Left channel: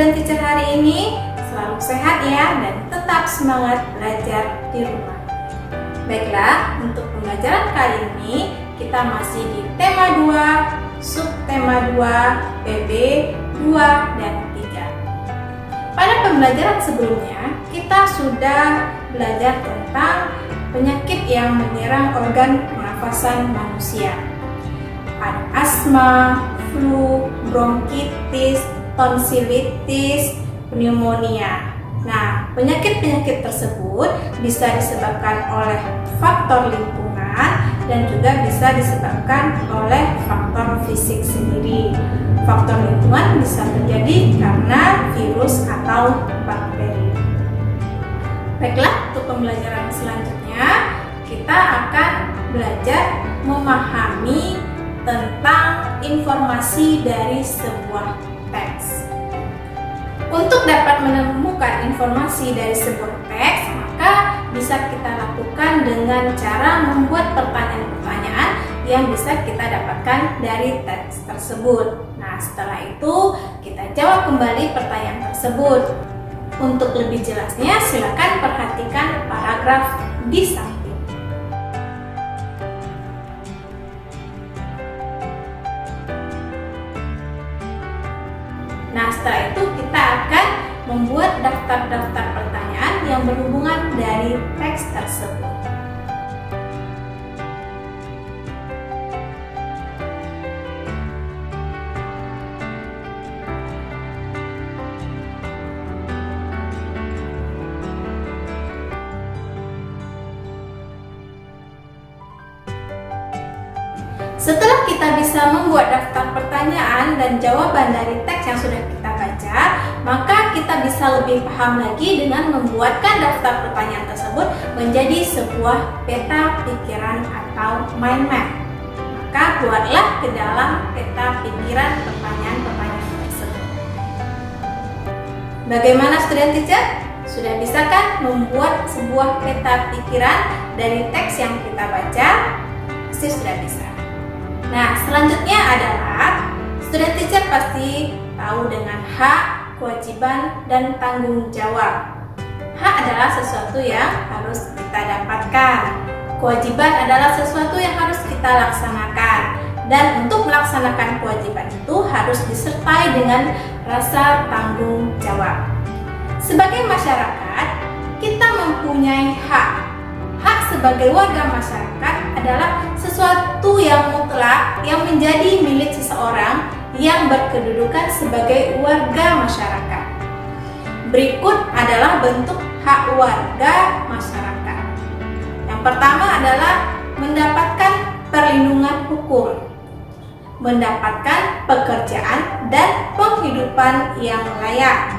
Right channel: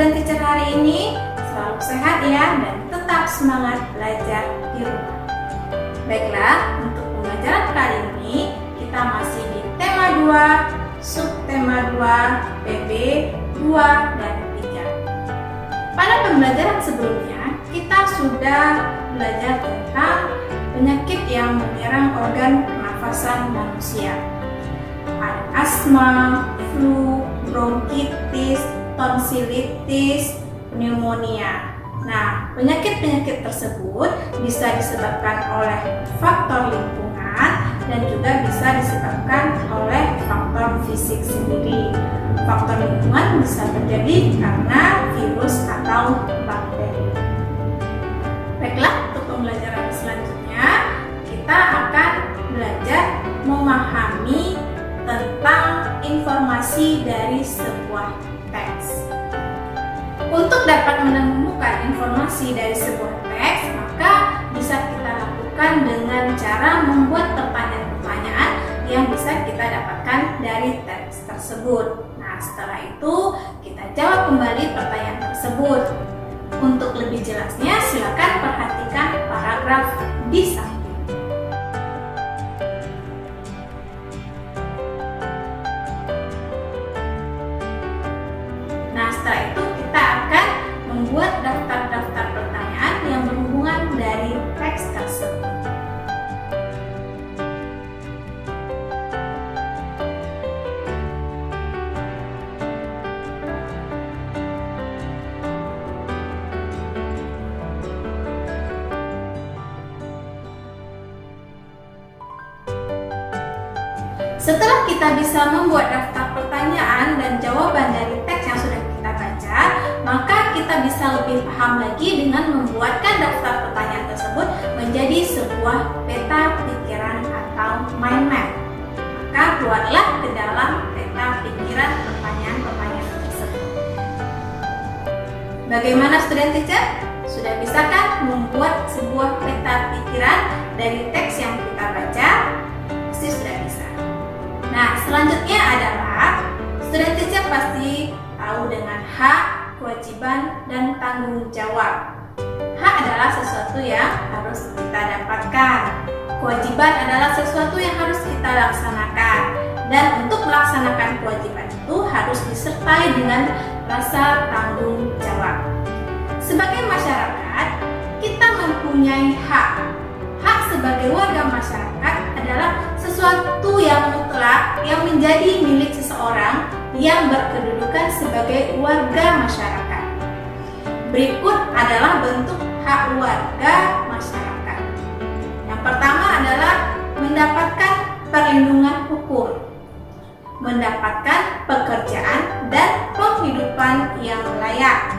student teacher hari ini? Selalu sehat ya dan tetap semangat belajar di rumah. Baiklah, untuk pembelajaran kali ini kita masih di tema 2, subtema 2, PB 2 dan 3. Pada pembelajaran sebelumnya, kita sudah belajar tentang penyakit yang menyerang organ pernafasan manusia. Ada asma, flu, bronkitis, tonsilitis, pneumonia. Nah, penyakit-penyakit tersebut bisa disebabkan oleh faktor lingkungan dan juga bisa disebabkan oleh faktor fisik sendiri. Faktor lingkungan bisa terjadi karena virus atau bakteri. Baiklah, untuk pembelajaran selanjutnya kita akan belajar memahami tentang informasi dari sebuah teks. Untuk dapat menemukan informasi dari sebuah teks, maka bisa kita lakukan dengan cara membuat pertanyaan-pertanyaan yang bisa kita dapatkan dari teks tersebut. Nah, setelah itu kita jawab kembali pertanyaan tersebut. Untuk lebih jelasnya, silakan perhatikan paragraf di samping. Nah, setelah itu kita akan membuat daftar-daftar pertanyaan yang berhubungan dari teks tersebut. Setelah kita bisa membuat daftar pertanyaan dan jawaban dari teks yang sudah kita baca, maka kita bisa lebih paham lagi dengan membuatkan daftar pertanyaan tersebut menjadi sebuah peta pikiran atau mind map. Maka buatlah ke dalam peta pikiran pertanyaan-pertanyaan tersebut. Bagaimana student teacher? Sudah bisa kan membuat sebuah peta pikiran dari teks yang kita baca? Pasti sudah bisa. Nah, selanjutnya adalah student teacher pasti tahu dengan hak, kewajiban, dan tanggung jawab. Hak adalah sesuatu yang harus kita dapatkan. Kewajiban adalah sesuatu yang harus kita laksanakan. Dan untuk melaksanakan kewajiban itu harus disertai dengan rasa tanggung jawab. Sebagai masyarakat, kita mempunyai hak. Hak sebagai warga masyarakat adalah sesuatu yang mutlak yang menjadi milik seseorang yang berkedudukan sebagai warga masyarakat. Berikut adalah bentuk hak warga masyarakat. Yang pertama adalah mendapatkan perlindungan hukum, mendapatkan pekerjaan dan penghidupan yang layak,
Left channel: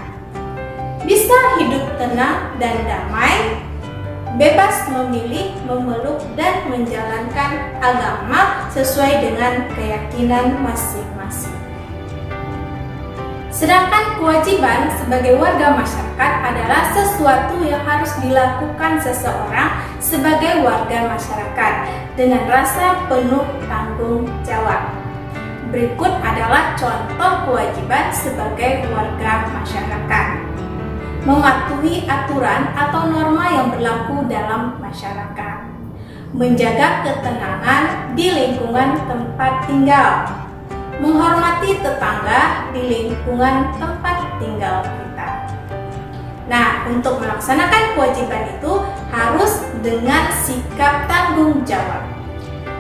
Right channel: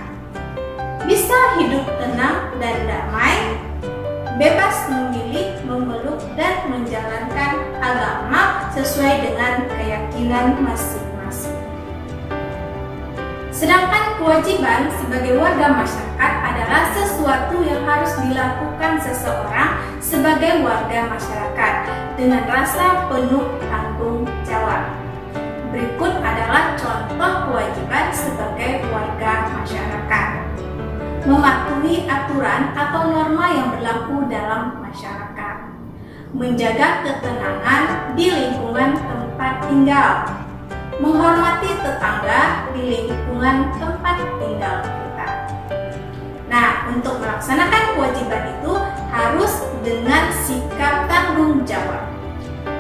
bisa hidup tenang dan damai, bebas memilih, memeluk, dan menjalankan agama sesuai dengan keyakinan masing-masing. Sedangkan kewajiban sebagai warga masyarakat adalah sesuatu yang harus dilakukan seseorang sebagai warga masyarakat dengan rasa penuh tanggung jawab. Berikut adalah contoh kewajiban sebagai warga masyarakat. Mematuhi aturan atau norma yang berlaku dalam masyarakat, menjaga ketenangan di lingkungan tempat tinggal, menghormati tetangga di lingkungan tempat tinggal kita. Nah, untuk melaksanakan kewajiban itu harus dengan sikap tanggung jawab.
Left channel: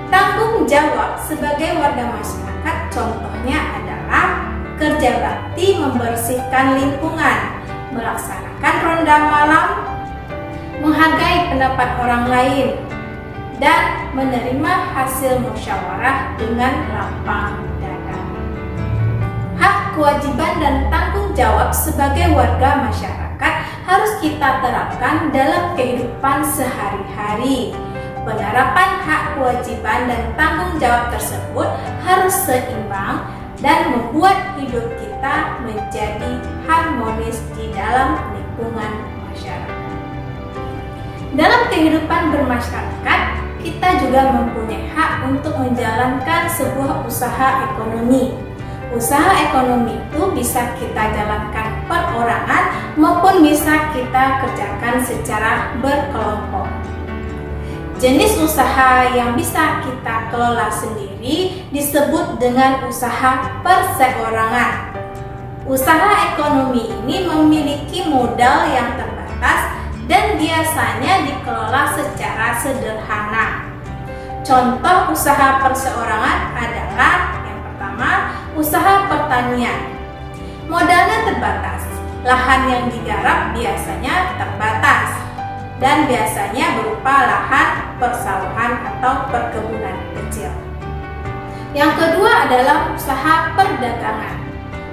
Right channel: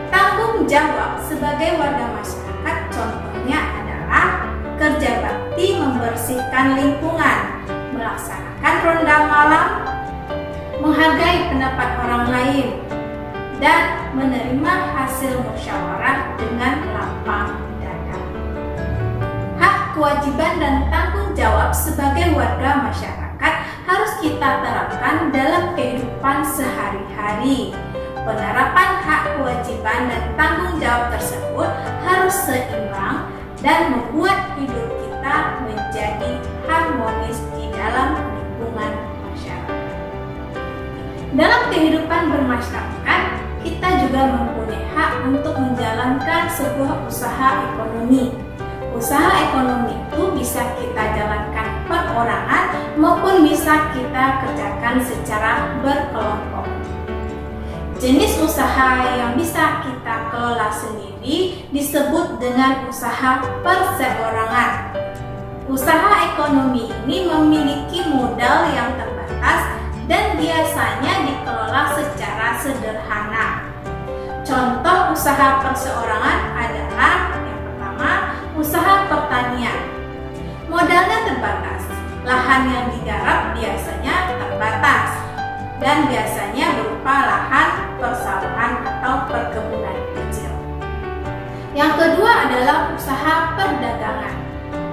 Tanggung jawab sebagai warga masyarakat contohnya adalah kerja bakti membersihkan lingkungan, melaksanakan ronda malam, menghargai pendapat orang lain, dan menerima hasil musyawarah dengan lapang dada. Hak, kewajiban, dan tanggung jawab sebagai warga masyarakat harus kita terapkan dalam kehidupan sehari-hari. Penerapan hak, kewajiban, dan tanggung jawab tersebut harus seimbang dan membuat hidup kita menjadi harmonis di dalam lingkungan masyarakat. Dalam kehidupan bermasyarakat, kita juga mempunyai hak untuk menjalankan sebuah usaha ekonomi. Usaha ekonomi itu bisa kita jalankan per kita kerjakan secara berkelompok. Jenis usaha yang bisa kita kelola sendiri disebut dengan usaha perseorangan. Usaha ekonomi ini memiliki modal yang terbatas dan biasanya dikelola secara sederhana. Contoh usaha perseorangan adalah yang pertama, usaha pertanian. Modalnya terbatas, lahan yang digarap biasanya terbatas dan biasanya berupa lahan persawahan atau perkebunan kecil. Yang kedua adalah usaha perdagangan.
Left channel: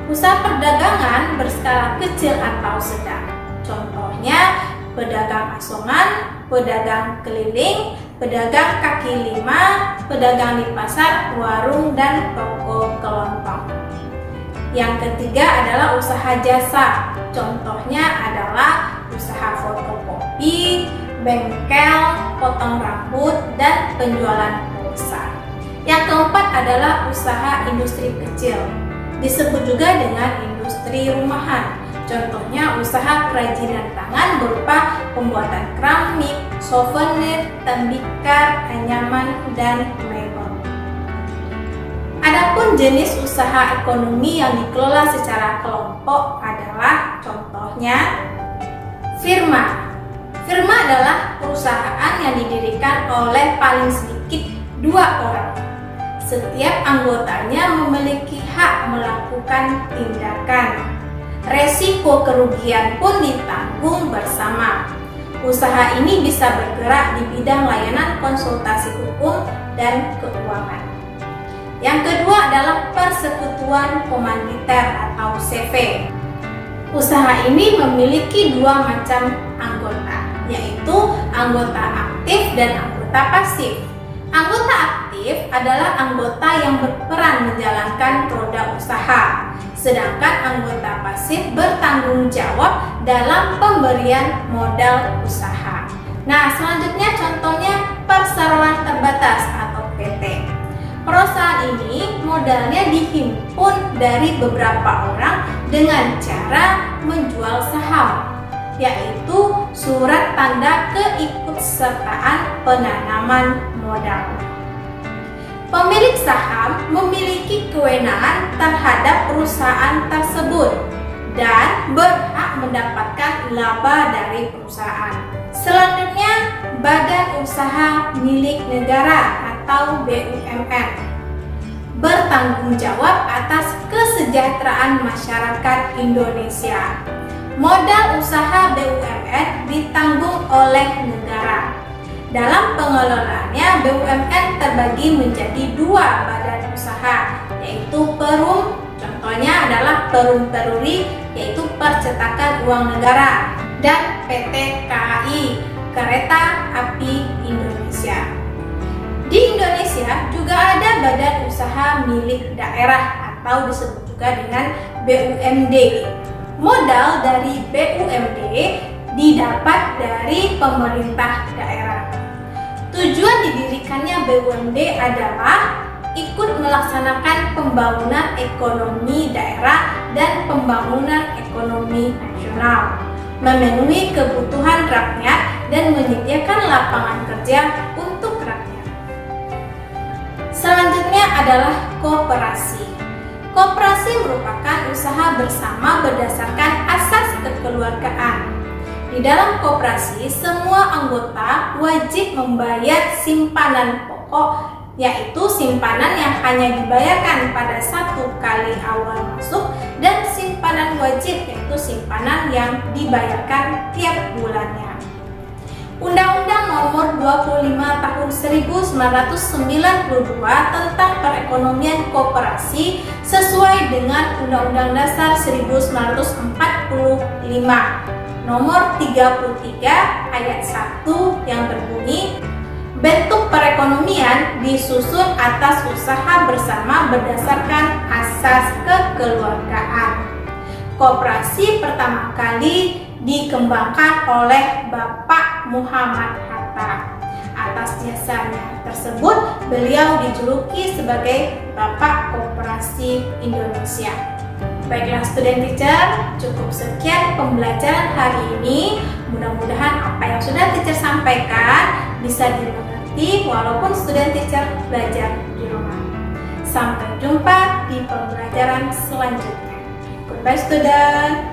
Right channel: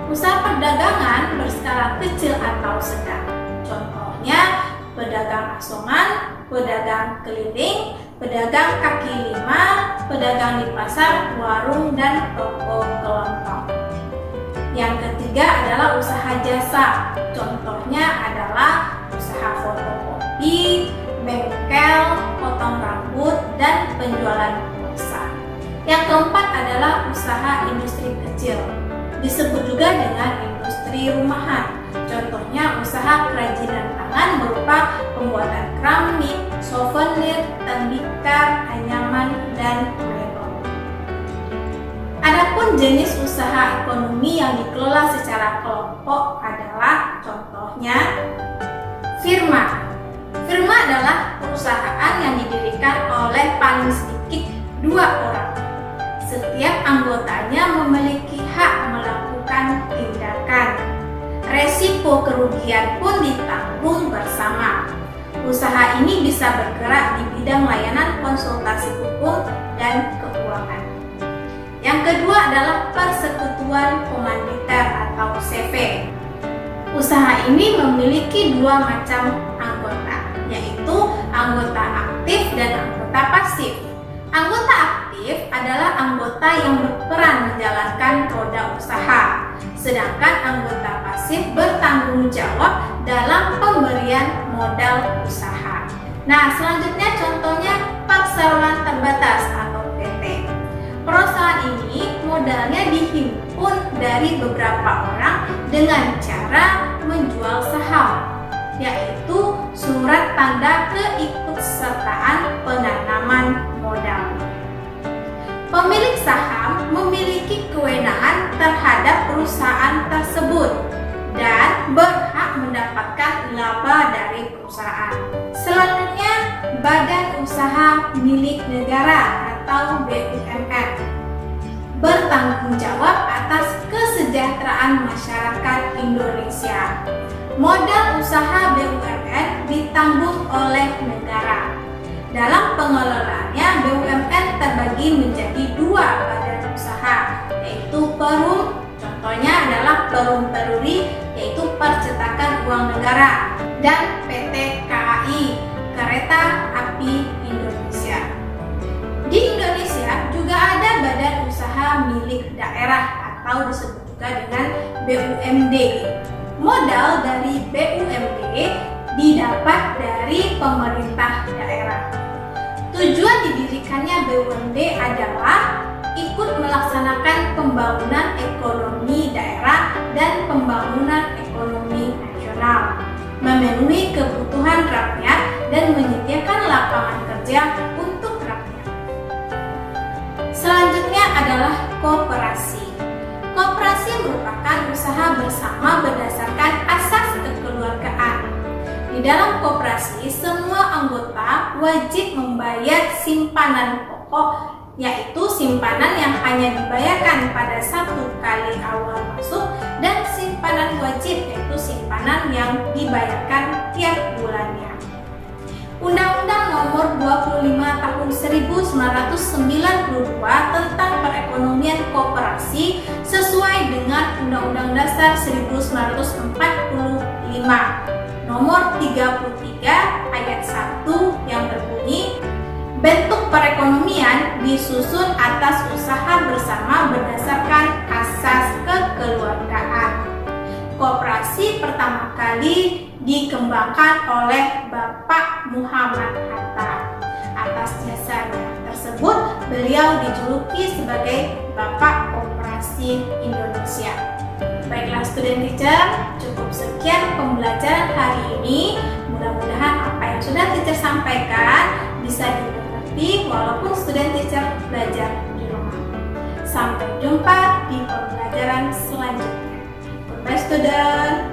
Usaha perdagangan berskala kecil atau sedang. Contohnya pedagang asongan, pedagang keliling, pedagang kaki lima, pedagang di pasar, warung, dan toko kelontong. Yang ketiga adalah usaha jasa. Contohnya adalah usaha fotokopi, bengkel, potong rambut, dan penjualan pulsa. Yang keempat adalah usaha industri kecil. Disebut juga dengan industri rumahan. Contohnya usaha kerajinan tangan berupa pembuatan keramik, souvenir, tembikar, anyaman, dan mebel. Adapun jenis usaha ekonomi yang dikelola secara kelompok adalah contohnya firma. Firma adalah perusahaan yang didirikan oleh paling sedikit 2 orang. Setiap anggotanya memiliki hak melakukan tindakan. Resiko kerugian pun ditanggung bersama. Usaha ini bisa bergerak di bidang layanan konsultasi hukum dan keuangan. Yang kedua adalah persekutuan komanditer atau CV. Usaha ini memiliki 2 macam anggota, yaitu anggota aktif dan anggota pasif. Anggota aktif adalah anggota yang berperan menjalankan roda usaha, sedangkan anggota pasif bertanggung jawab dalam pemberian modal usaha. Nah, selanjutnya contohnya perseroan terbatas atau PT. Perusahaan ini modalnya dihimpun dari beberapa orang dengan cara menjual saham, yaitu surat tanda keikutsertaan penanaman modal. Pemilik saham memiliki kewenangan terhadap perusahaan tersebut dan berhak mendapatkan laba dari perusahaan. Selanjutnya, badan usaha milik negara atau BUMN bertanggung jawab atas kesejahteraan masyarakat Indonesia. Modal usaha BUMN ditanggung oleh negara. Dalam pengelolaannya, BUMN terbagi menjadi 2 badan usaha, yaitu Perum, contohnya adalah Perum Peruri, yaitu percetakan uang negara, dan PT KAI, Kereta Api Indonesia. Di Indonesia juga ada badan usaha milik daerah atau disebut juga dengan BUMD. Modal dari BUMD didapat dari pemerintah daerah. Tujuan didirikannya BUMD adalah ikut melaksanakan pembangunan ekonomi daerah dan pembangunan ekonomi nasional, memenuhi kebutuhan rakyat dan menyediakan lapangan kerja untuk rakyat. Selanjutnya adalah koperasi. Koperasi merupakan usaha bersama berdasarkan asas kekeluargaan. Di dalam koperasi, semua anggota wajib membayar simpanan pokok, yaitu simpanan yang hanya dibayarkan pada 1 kali awal masuk, dan simpanan wajib, yaitu simpanan yang dibayarkan tiap bulannya. Undang-Undang Nomor 25 Tahun 1992 tentang perekonomian koperasi sesuai dengan Undang-Undang Dasar 1945 Nomor 33 ayat 1 yang berbunyi, bentuk perekonomian disusun atas usaha bersama berdasarkan asas kekeluargaan. Koperasi pertama kali dikembangkan oleh Bapak Muhammad Hatta. Atas jasanya tersebut, beliau dijuluki sebagai Bapak Koperasi Indonesia. Baiklah student teacher, cukup sekian pembelajaran hari ini. Mudah-mudahan apa yang sudah teacher sampaikan bisa dimengerti walaupun student teacher belajar di rumah. Sampai jumpa di pembelajaran selanjutnya. Goodbye student.